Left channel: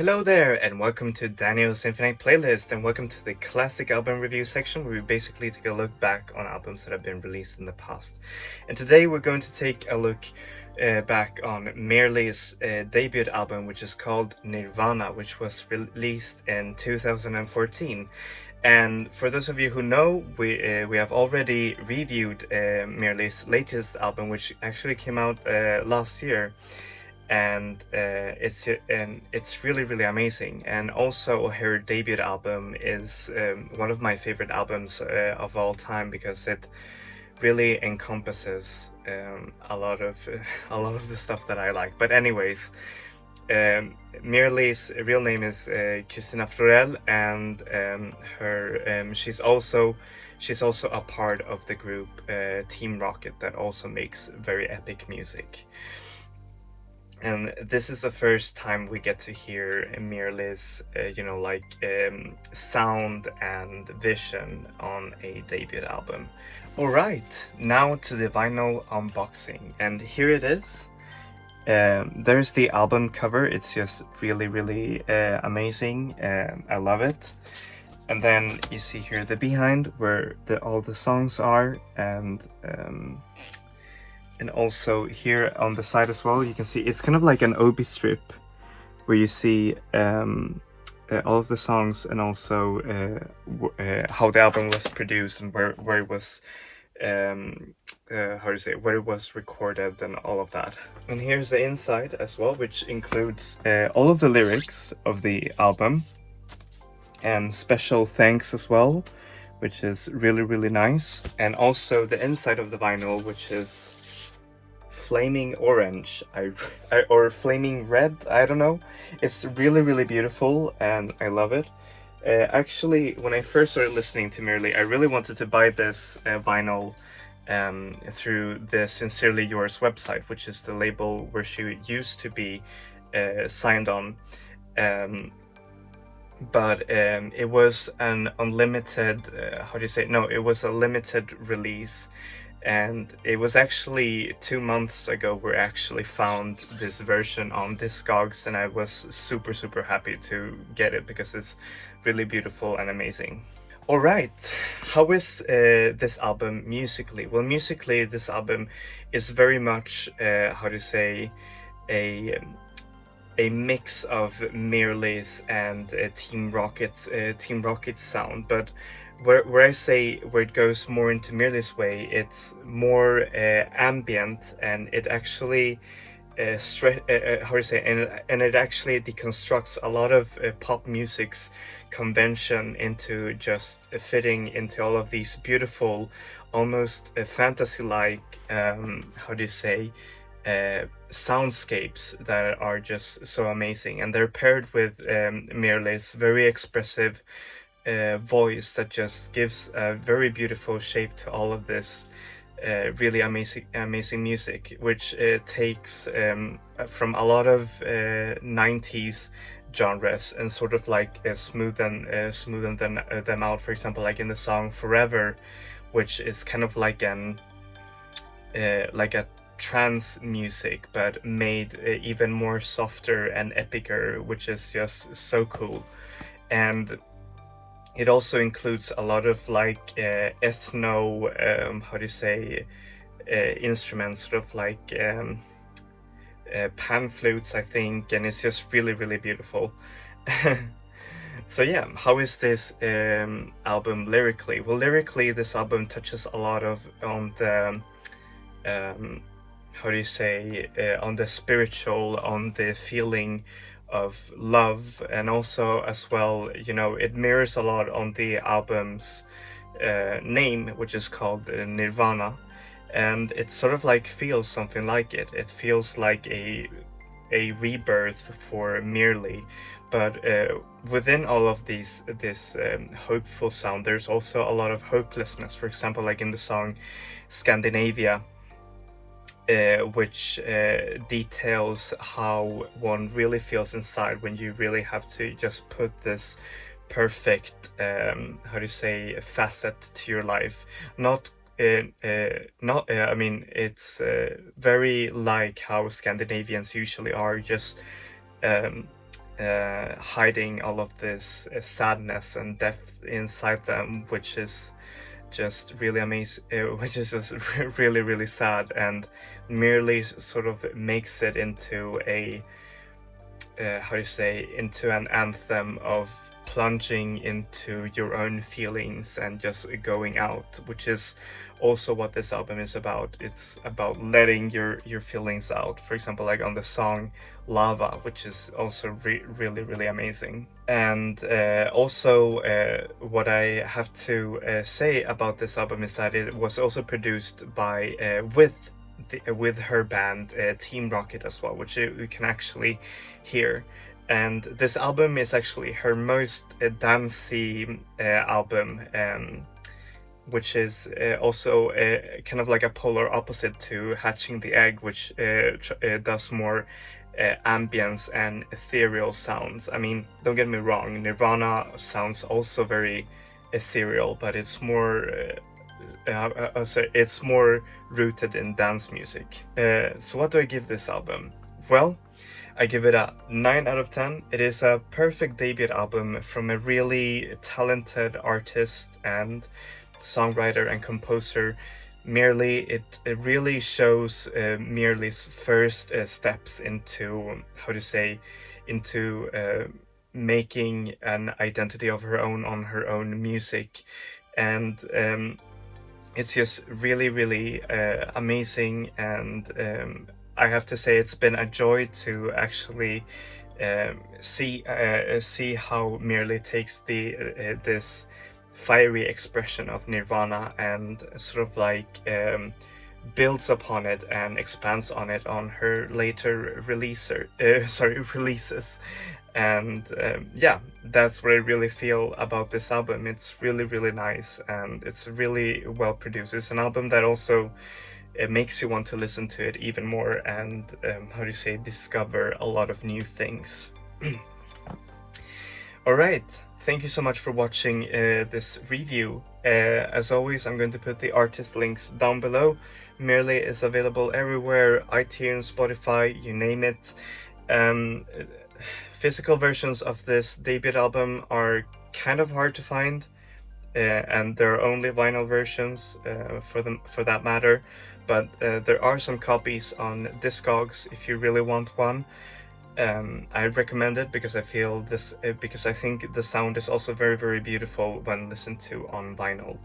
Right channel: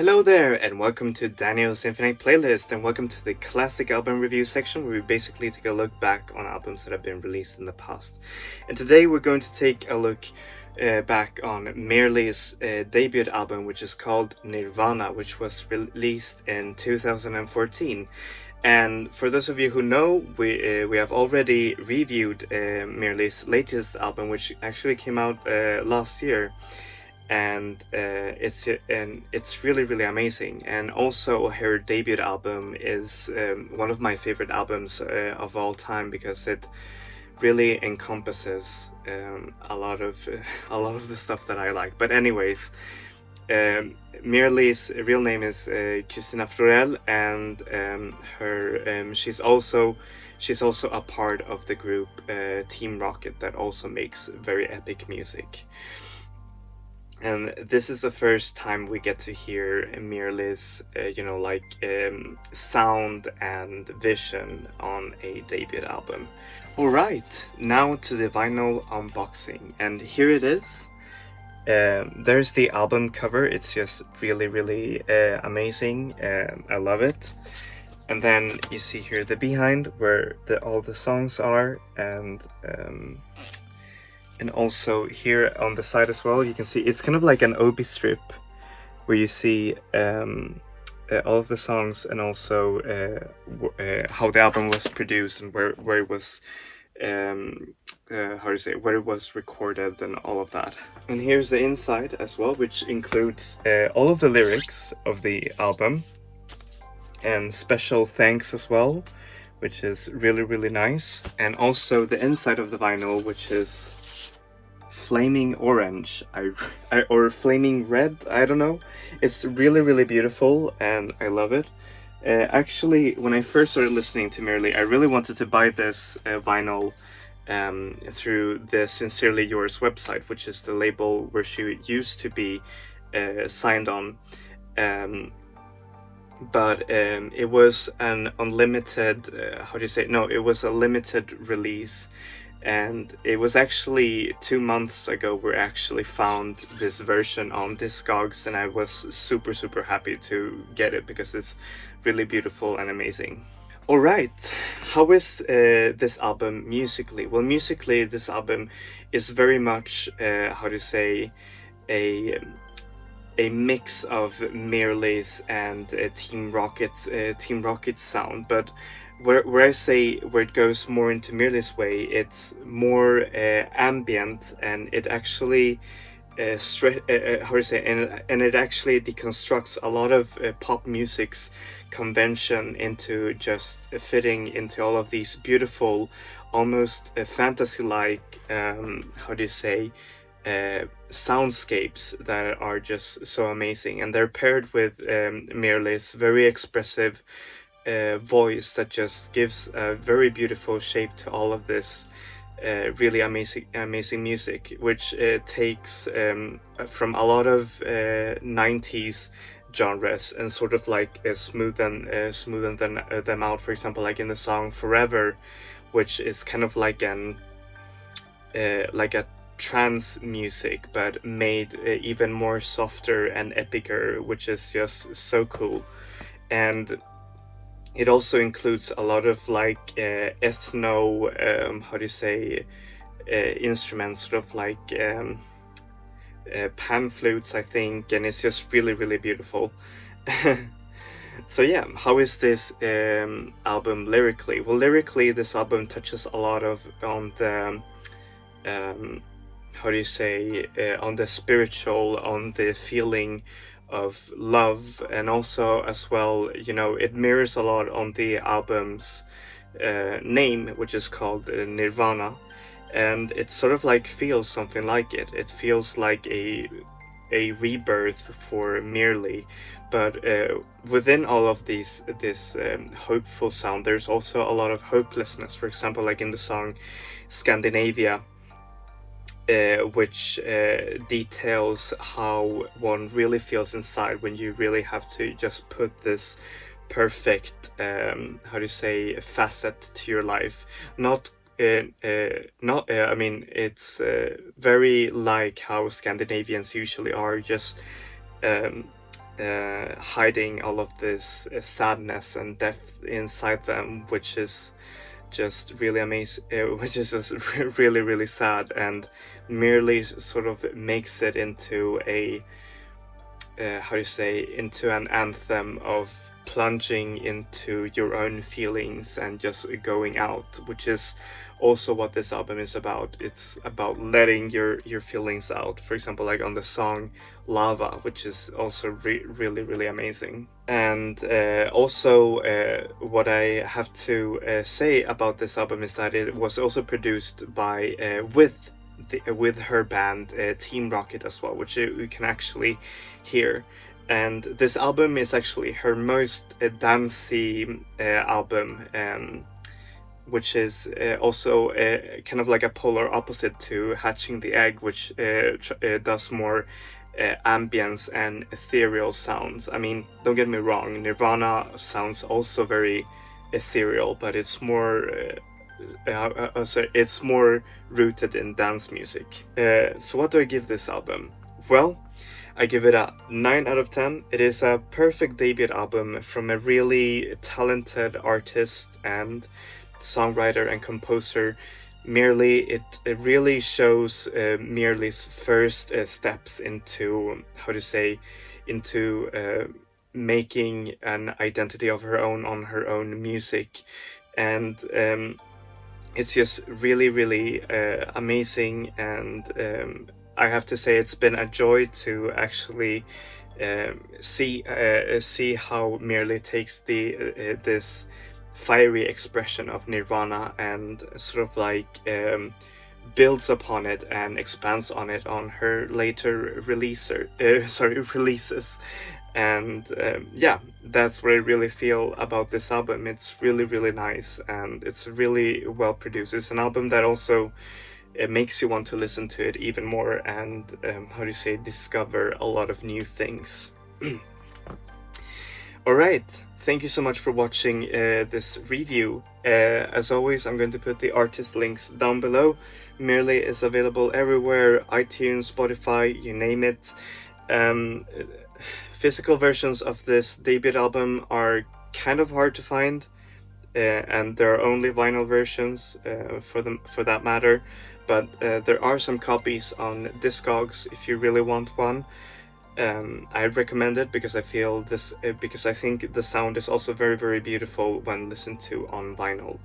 Hello there, and welcome to Daniel's Infinite Playlist, and welcome to the classic album review section where we basically take a look back on albums that have been released in the past. And today we're going to take a look back on Merle's debut album, which is called Nirvana, which was released in 2014. And for those of you who know, we have already reviewed Merle's latest album, which actually came out last year. And it's really amazing. And also her debut album is one of my favorite albums of all time, because it really encompasses a lot of the stuff that I like. But anyways, Mirli's real name is Christina Florell, and she's also a part of the group Team Rocket, that also makes very epic music. And this is the first time we get to hear Mirli's, sound and vision on a debut album. Alright, now to the vinyl unboxing, and here it is. There's the album cover. It's just really amazing. I love it. And then you see here the behind, where all the songs are, and also here on the side as well, you can see it's kind of like an obi strip, where you see all of the songs, and also how the album was produced, and where it was where it was recorded, and all of that. And here's the inside as well, which includes all of the lyrics of the album, and special thanks as well, which is really nice. And also the inside of the vinyl, which is flaming orange, or flaming red, I don't know. It's really beautiful, and I love it. Actually, when I first started listening to Mirli, I really wanted to buy this vinyl through the Sincerely Yours website, which is the label where she used to be signed on. But it was an unlimited, it was a limited release. And it was actually 2 months ago we actually found this version on Discogs, and I was super happy to get it, because it's really beautiful and amazing. Alright, how is this album musically? Well, musically this album is very much, a mix of Mirli's and Team Rocket's sound, but where I say where it goes more into Mirli's way, it's more ambient, and it actually and it actually deconstructs a lot of pop music's convention into just fitting into all of these beautiful, almost fantasy-like soundscapes that are just so amazing. And they're paired with Mirli's very expressive voice that just gives a very beautiful shape to all of this really amazing music, which takes from a lot of 90s genres, and sort of like smoothen them out. For example, like in the song Forever, which is kind of like a trance music, but made even more softer and epicer, which is just so cool. And it also includes a lot of like ethno instruments, sort of like pan flutes, I think, and it's just really beautiful. So yeah, how is this album lyrically? Well, lyrically this album touches a lot on the on the spiritual, on the feeling of love, and also as well, it mirrors a lot on the album's name, which is called Nirvana, and it sort of like feels something like it. It feels like a rebirth for Mirli, but within all of this hopeful sound, there's also a lot of hopelessness. For example, like in the song Scandinavia, which details how one really feels inside when you really have to just put this perfect facet to your life. It's very like how Scandinavians usually are, just hiding all of this sadness and depth inside them, which is just really amazing, which is just really, really sad, and merely sort of makes it into a how do you say, into an anthem of plunging into your own feelings and just going out, which is also what this album is about. It's about letting your feelings out, for example, like on the song Lava, which is also really, really amazing. And also what I have to say about this album is that it was also produced by with her band Team Rocket as well, which you can actually hear. And this album is actually her most dancey album, which is also kind of like a polar opposite to Hatching the Egg, which does more ambience and ethereal sounds. I mean, don't get me wrong, Nirvana sounds also very ethereal, but it's more it's more rooted in dance music. So what do I give this album? Well, I give it a 9 out of 10. It is a perfect debut album from a really talented artist and songwriter and composer. Merely, it really shows Merely's first steps into, how to say, into making an identity of her own on her own music. And it's just really, really amazing, and I have to say it's been a joy to actually see how Merely takes this fiery expression of Nirvana and sort of like builds upon it and expands on it on her later releases. And yeah, that's what I really feel about this album. It's really, really nice, and it's really well produced. It's an album that also it makes you want to listen to it even more and how do you say, discover a lot of new things. All right, thank you so much for watching this review. As always, I'm going to put the artist links down below. Merely is available everywhere, iTunes, Spotify, you name it. Physical versions of this debut album are kind of hard to find, and there are only vinyl versions for that matter, but there are some copies on Discogs if you really want one. I recommend it because I feel this because I think the sound is also very, very beautiful when listened to on vinyl.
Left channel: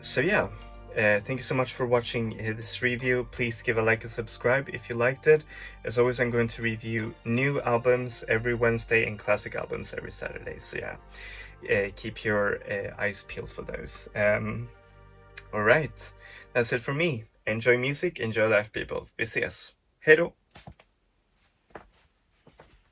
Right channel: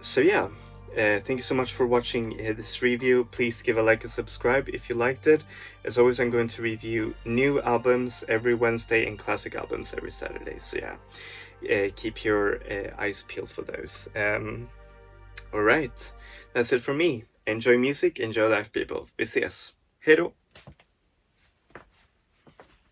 So yeah, thank you so much for watching this review. Please give a like and subscribe if you liked it. As always, I'm going to review new albums every Wednesday and classic albums every Saturday. So yeah, keep your eyes peeled for those. All right, that's it for me. Enjoy music, enjoy life, people. Vi ses. Hej då!